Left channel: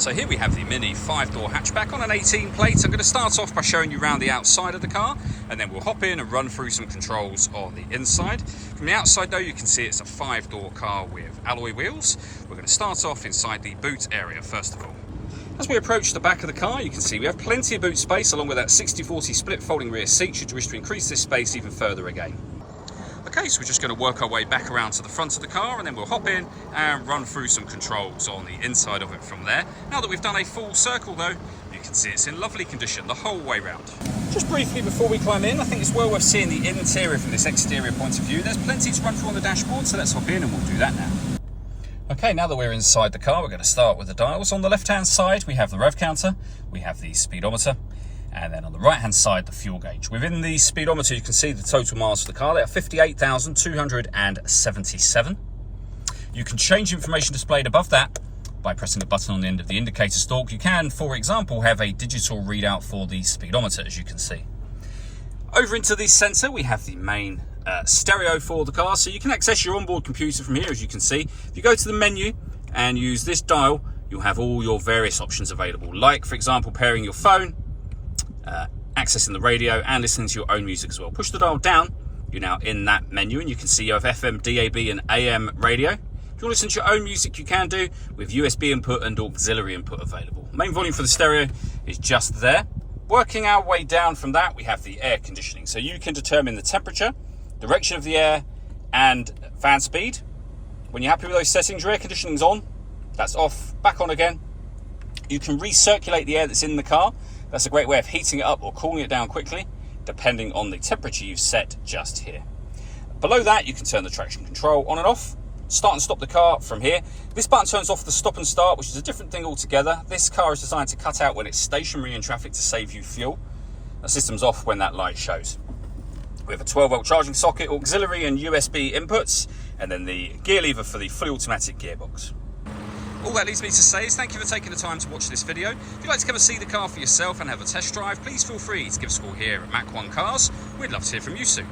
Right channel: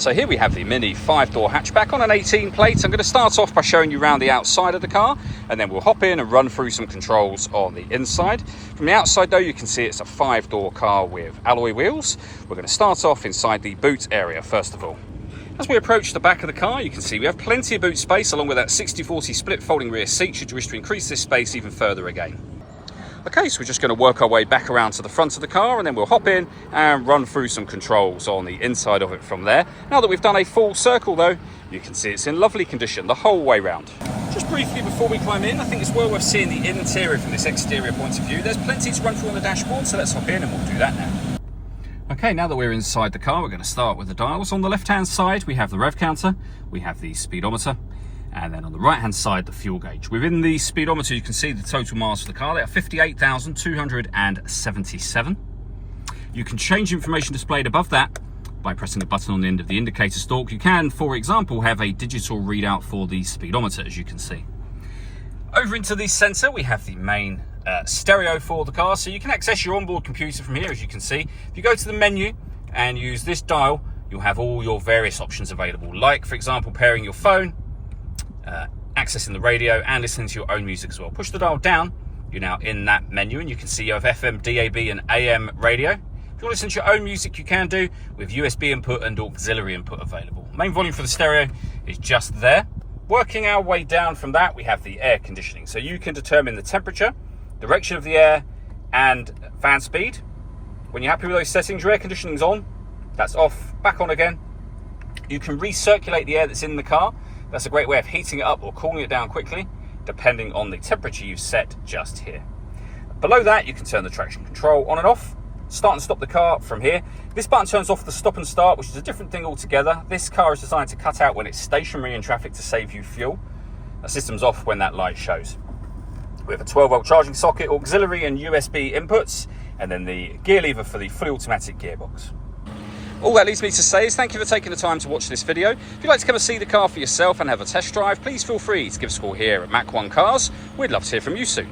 So here we have the Mini 5-door hatchback on an 18 plate. I'm going to start off by showing you around the outside of the car, and then we'll hop in and run through some controls on the inside. From the outside though, you can see it's a 5-door car with alloy wheels. We're going to start off inside the boot area first of all. As we approach the back of the car, you can see we have plenty of boot space along with that 60/40 split folding rear seat should you wish to increase this space even further again. Okay, so we're just going to work our way back around to the front of the car, and then we'll hop in and run through some controls on the inside of it from there. Now that we've done a full circle though, you can see it's in lovely condition the whole way round. Just briefly before we climb in, I think it's well worth seeing the interior from this exterior point of view. There's plenty to run through on the dashboard, so let's hop in and we'll do that now. Okay, now that we're inside the car, we're going to start with the dials. On the left-hand side, we have the rev counter, we have the speedometer, and then on the right-hand side, the fuel gauge. Within the speedometer, you can see the total miles for the car. They are 58,277. You can change information displayed above that by pressing the button on the end of the indicator stalk. You can, for example, have a digital readout for the speedometer, as you can see. Over into the centre, we have the main stereo for the car, so you can access your onboard computer from here, as you can see. If you go to the menu and use this dial, you'll have all your various options available, like, for example, pairing your phone, accessing the radio and listening to your own music as well. Push the dial down, you're now in that menu, and you can see you have FM, DAB and AM radio. If you want to listen to your own music, you can do with USB input and auxiliary input available. Main volume for the stereo is just there. Working our way down from that, we have the air conditioning. So you can determine the temperature, direction of the air and fan speed. When you're happy with those settings, your air conditioning's on, that's off, back on again. You can recirculate the air that's in the car. That's a great way of heating it up or cooling it down quickly, depending on the temperature you've set just here. Below that, you can turn the traction control on and off, start and stop the car from here. This button turns off the stop and start, which is a different thing altogether. This car is designed to cut out when it's stationary in traffic to save you fuel. The system's off when that light shows. We have a 12-volt charging socket, auxiliary and USB inputs, and then the gear lever for the fully automatic gearbox. All that leaves me to say is thank you for taking the time to watch this video. If you'd like to come and see the car for yourself and have a test drive, please feel free to give us a call here at Mach 1 Cars. We'd love to hear from you soon.